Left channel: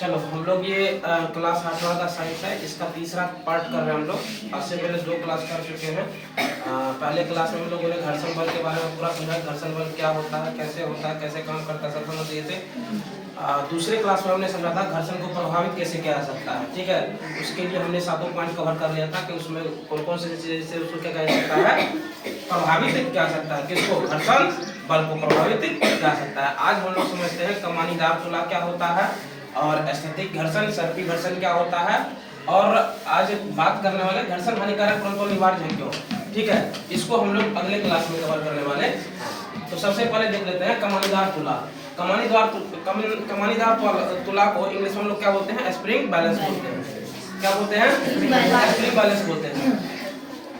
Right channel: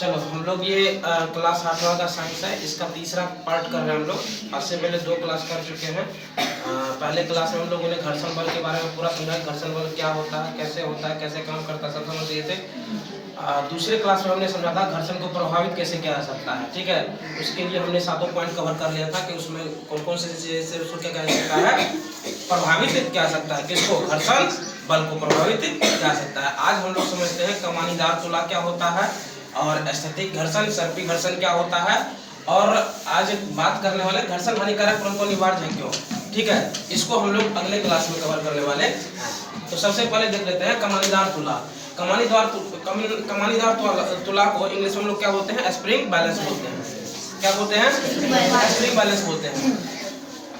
चलो हम लोग ये क्लास 8वां का साइंस है, इसका तीसरा पार्ट कर रहे हैं हम लोग। आज से पहले 2 क्लास कर चुके हैं। पहले क्लास में हम लोगों ने घर्षण बल के बारे में पूरा समझा, घर्षण बल क्या होता है, कैसे काम करता है, सब समझ लिए थे। दूसरे क्लास में हमने समझा था घर्षण को प्रभावित कैसे किया जा सकता है, ठीक है। उसके लिए हमने 7 पॉइंट कवर कर लिया था कि उसमें कौन कौन से चीज़ से उसको क्या कहा जा सकता है, प्रभावित किया जा सकता है, किसको, घर्षण बल को प्रभावित किया जा सकता है। आज हम लोग समझते हैं कमानीदार तुला क्या होता है, और स्थैतिक घर्षण, सर्पी घर्षण क्या होता है, और आज बात करने वाले घर्षण हानिकारक परंतु अनिवार्य है क्यों, ठीक है। इसको हम लोग अगले क्लास में कवर करने वाले हैं। तो सबसे पहले देख लेते हैं कमानीदार तुला। कमानीदार तुला को इंग्लिश में हम लोग क्या बोलते हैं, स्प्रिंग बैलेंस बोलते हैं। क्या बोलते हैं, स्प्रिंग बैलेंस बोलते हैं।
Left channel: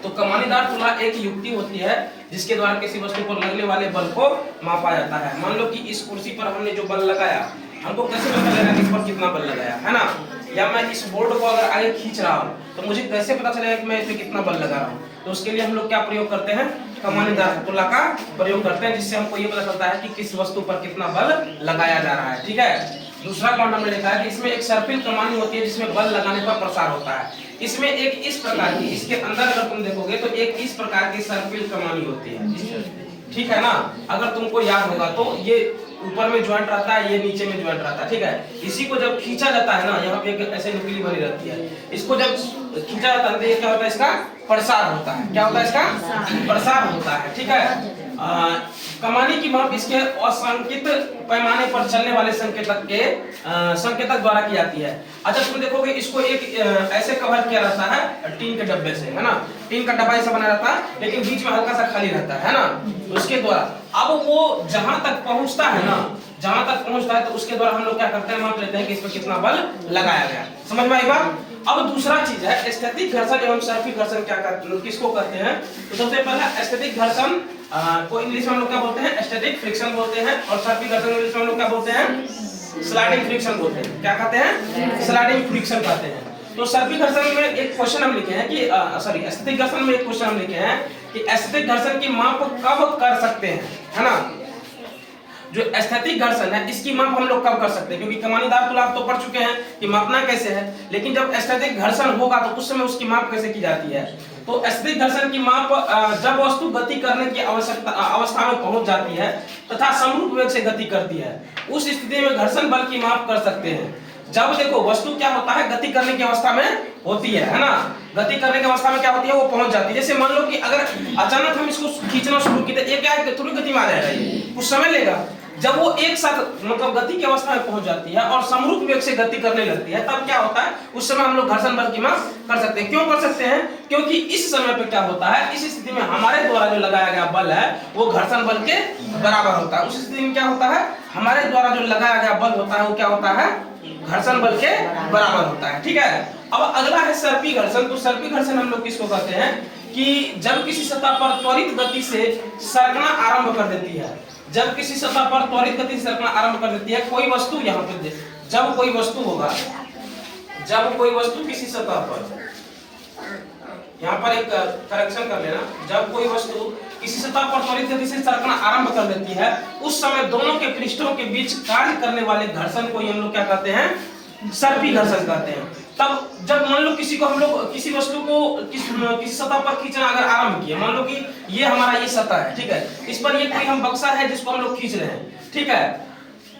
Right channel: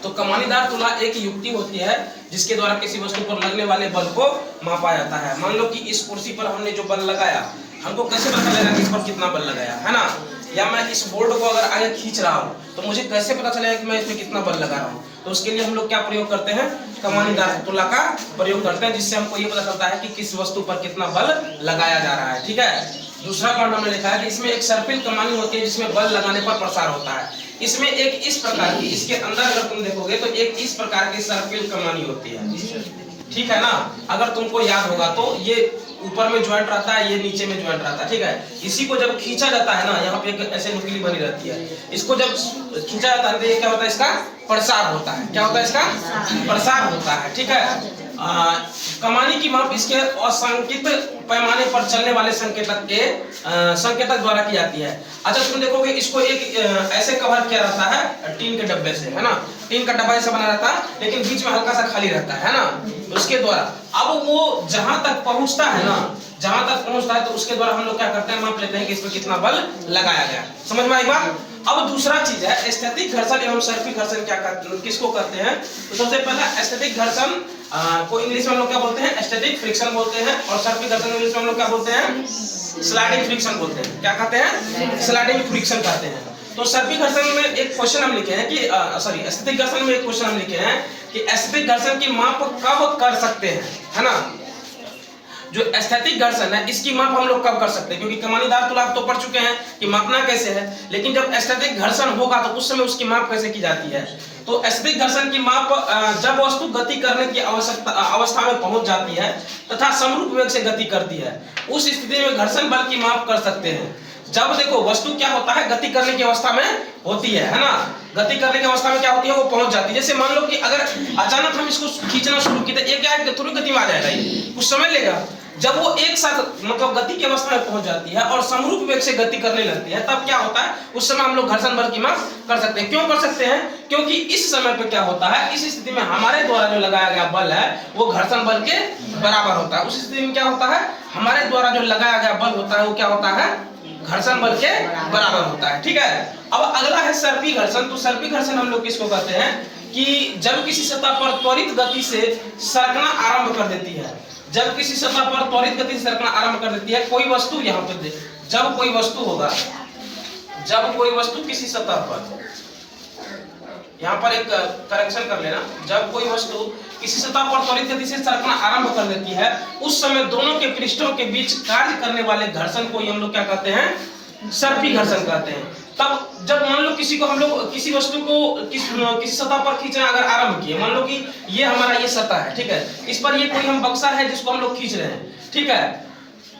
तो कमानीदार तुला एक युक्ति होती है जिसके द्वारा किसी वस्तु पर लगने वाले बल को मापा जाता है। मान लो कि इस कुर्सी पर हमने जो बल लगाया, हमको कैसे पता चलेगा कि इस पर कितना बल लगाया है ना। या मैं इस बोर्ड को अगर आगे खींच रहा हूँ तो मुझे कैसे पता चलेगा कि मैं इसमें कितना बल लगा रहा हूँ। तो उसके लिए हम लोग क्या प्रयोग करते हैं, कमानीदार तुला का प्रयोग करते हैं, जिससे हमको ये पता चलता है कि किस वस्तु पर कितना बल लगाया जा रहा है, ठीक है। दूसरा पॉइंट हमने लिखा है कि इसमें एक सर्पिल कमानी होती है जिसमें बल लगाने पर प्रसार होता है। इसमें एक इस प्रकार की, इसके अंदर अगर तुम देखोगे तो एक इस प्रकार की सर्पिल कमानी होती है, ठीक है ना। अगर तुमको याद होगा तो ये ऊपर में ज्वाइंट रहता है, ये नीचे में ज्वाइंट रहता है, ठीक है। इसी को जब खींचा जाता है ना, यहाँ पे एक ऐसे नुकीली बनी रहती है, इसको जब खींचा जाता है तो ये क्या होता है, इसका प्रसार होता है। क्या होता है, इसका प्रसार होता है, ठीक है। कमानी की माप इसके असंकित पैमाने पर चलने वाले संकेतक द्वारा की जाती है। अच्छा तुम देखोगे इसको एक ऐसे कवर किया रहता है टीन के डब्बे से, है ना। टीन का डब्बा ऐसा बना रहता है लेकिन बीच में हल्का सा खाली रहता है ना। उसके द्वारा अब वो जहां तक पहुंचता है ना, जहां तक पहुंचता है तो उसके द्वारा हम लोग क्या करते हैं, माप लेते हैं कि इस पर कितना बल लगाया गया। समझ में आई बात। अब दूसरा चीज है स्थैतिक घर्षण एवं सर्पी घर्षण। किसको करते हैं, तो सबसे पहला स्थैतिक घर्षण को इंग्लिश में हम लोग क्या बोलते हैं, स्टैटिक फ्रिक्शन बोलते हैं, और सर्पी घर्षण इंग्लिश में हम लोग क्या बोलते हैं, स्लाइडिंग फ्रिक्शन बोलते हैं। क्या कहते हैं, स्लाइडिंग फ्रिक्शन कहते हैं। तो सर्पी घर्षण में एक क्वेश्चन हम लिखे हैं कि स्थैतिक घर्षण में एक क्वेश्चन हम लिखे हैं कि स्थैतिक घर्षण की माप कब कर सकते हैं, है ना। जो स्थैतिक घर्षण है इसकी माप हम लोग कब कर सकते हैं, क्योंकि कमानीदार तुला तो पढ़ चुके हैं कि मापना कैसे है, लेकिन जब स्थैतिक घर्षण होगा तो उस समय उसकी माप कैसे की जाती है। तो स्थैतिक घर्षण की माप जब वस्तु गति करने की अवस्था में पहुंच जाती है तथा समरूप वेग से गति करती है, उस स्थिति में घर्षण बल की माप कर सकते हैं। जब देखो वस्तु क्या होता है, गति करने की अवस्था में होती है ना। गति करने की अवस्था में क्या होती है, वो पहुंच जाती है। जैसे मान लो कि अगर अचानक हम इसको खींचना शुरू किए, ये क्या है, थोड़ी गति में आ जाएगा, ये कुछ समय लेगा। जब वो एक साथ मतलब गति की अवस्था में पहुंच जाती है और समरूप वेग से गति करने लगती है, तब क्या होता है, उस समय हम लोग घर्षण बल की माप कर सकते हैं। क्यों कर सकते हैं, क्योंकि इस समय पे क्या होता है, इस स्थिति में हमारे द्वारा जो लगाया गया बल है वो घर्षण बल के बराबर होता है। उस स्थिति में क्या होता है, हमारे द्वारा जो लगाया गया बल होता है वो क्या होता है, घर्षण बल के बराबर होता है, ठीक है। अब अगला है सर्पी घर्षण। तो सर्पी घर्षण हम लोग किसको कहते हैं कि जब किसी सतह पर त्वरित गति से सरकना आरंभ कर देती है, जब किसी सतह पर त्वरित गति से सरकना आरंभ कर देती है कोई वस्तु, यहाँ पे जब कोई वस्तु होगा, जब कोई वस्तु किसी सतह पर, यहाँ पर एक करेक्शन कर लेना, जब कोई वस्तु किसी सतह पर त्वरित गति से सरकना आरंभ कर देती है, उस समय दोनों के पृष्ठों के बीच कार्य करने वाले घर्षण को हम लोग क्या कहते हैं, सर्पी घर्षण कहते हैं। तब जब मान लो किसी को हम लोग किसी वस्तु को किसी सतह पर खींचना अगर आरंभ किए, मान लो कि ये हमारा ये सतह है, ठीक है, इस पर ये कोई हम बक्सा है जिसको हम लोग खींच रहे हैं, ठीक है।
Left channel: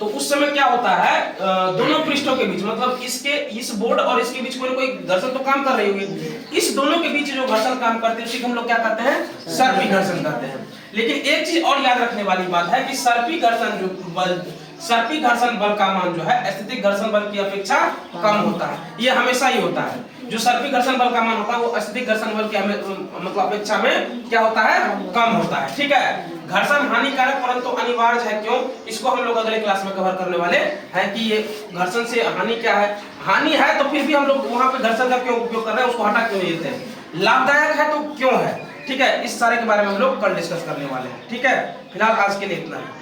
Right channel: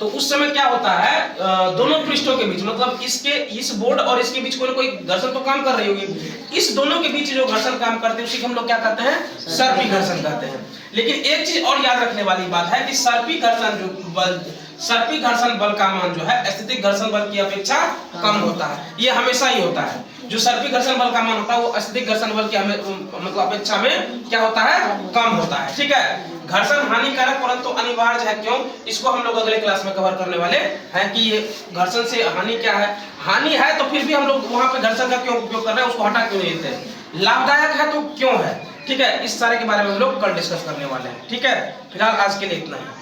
तो उस समय क्या होता है, दोनों पृष्ठों के बीच मतलब इस बोर्ड और इसके बीच कोई ना कोई घर्षण तो काम कर रही होगी, इस दोनों के बीच जो घर्षण काम करते हैं उसी को हम लोग क्या कहते हैं, सर्पी घर्षण कहते हैं। लेकिन एक चीज और याद रखने वाली बात है कि सर्पी घर्षण बल का मान जो है स्थैतिक घर्षण बल की अपेक्षा कम होता है। ये हमेशा ही होता है, जो सर्पी घर्षण बल का मान होता है वो स्थैतिक घर्षण बल की मतलब अपेक्षा में क्या होता है, कम होता है, ठीक है। घर्षण हानिकारक परंतु अनिवार्य है क्यों, इसको हम लोग अगले क्लास में कवर करने वाले हैं कि ये घर्षण से हानि क्या है। हानि है तो फिर भी हम लोग वहां पे घर्षण का क्यों उपयोग कर रहे हैं, उसको हटा क्यों नहीं देते, लाभदायक है तो क्यों है, ठीक है। इस सारे के बारे में हम लोग कल डिस्कस करने वाले हैं, ठीक है। फिलहाल आज के लिए इतना है।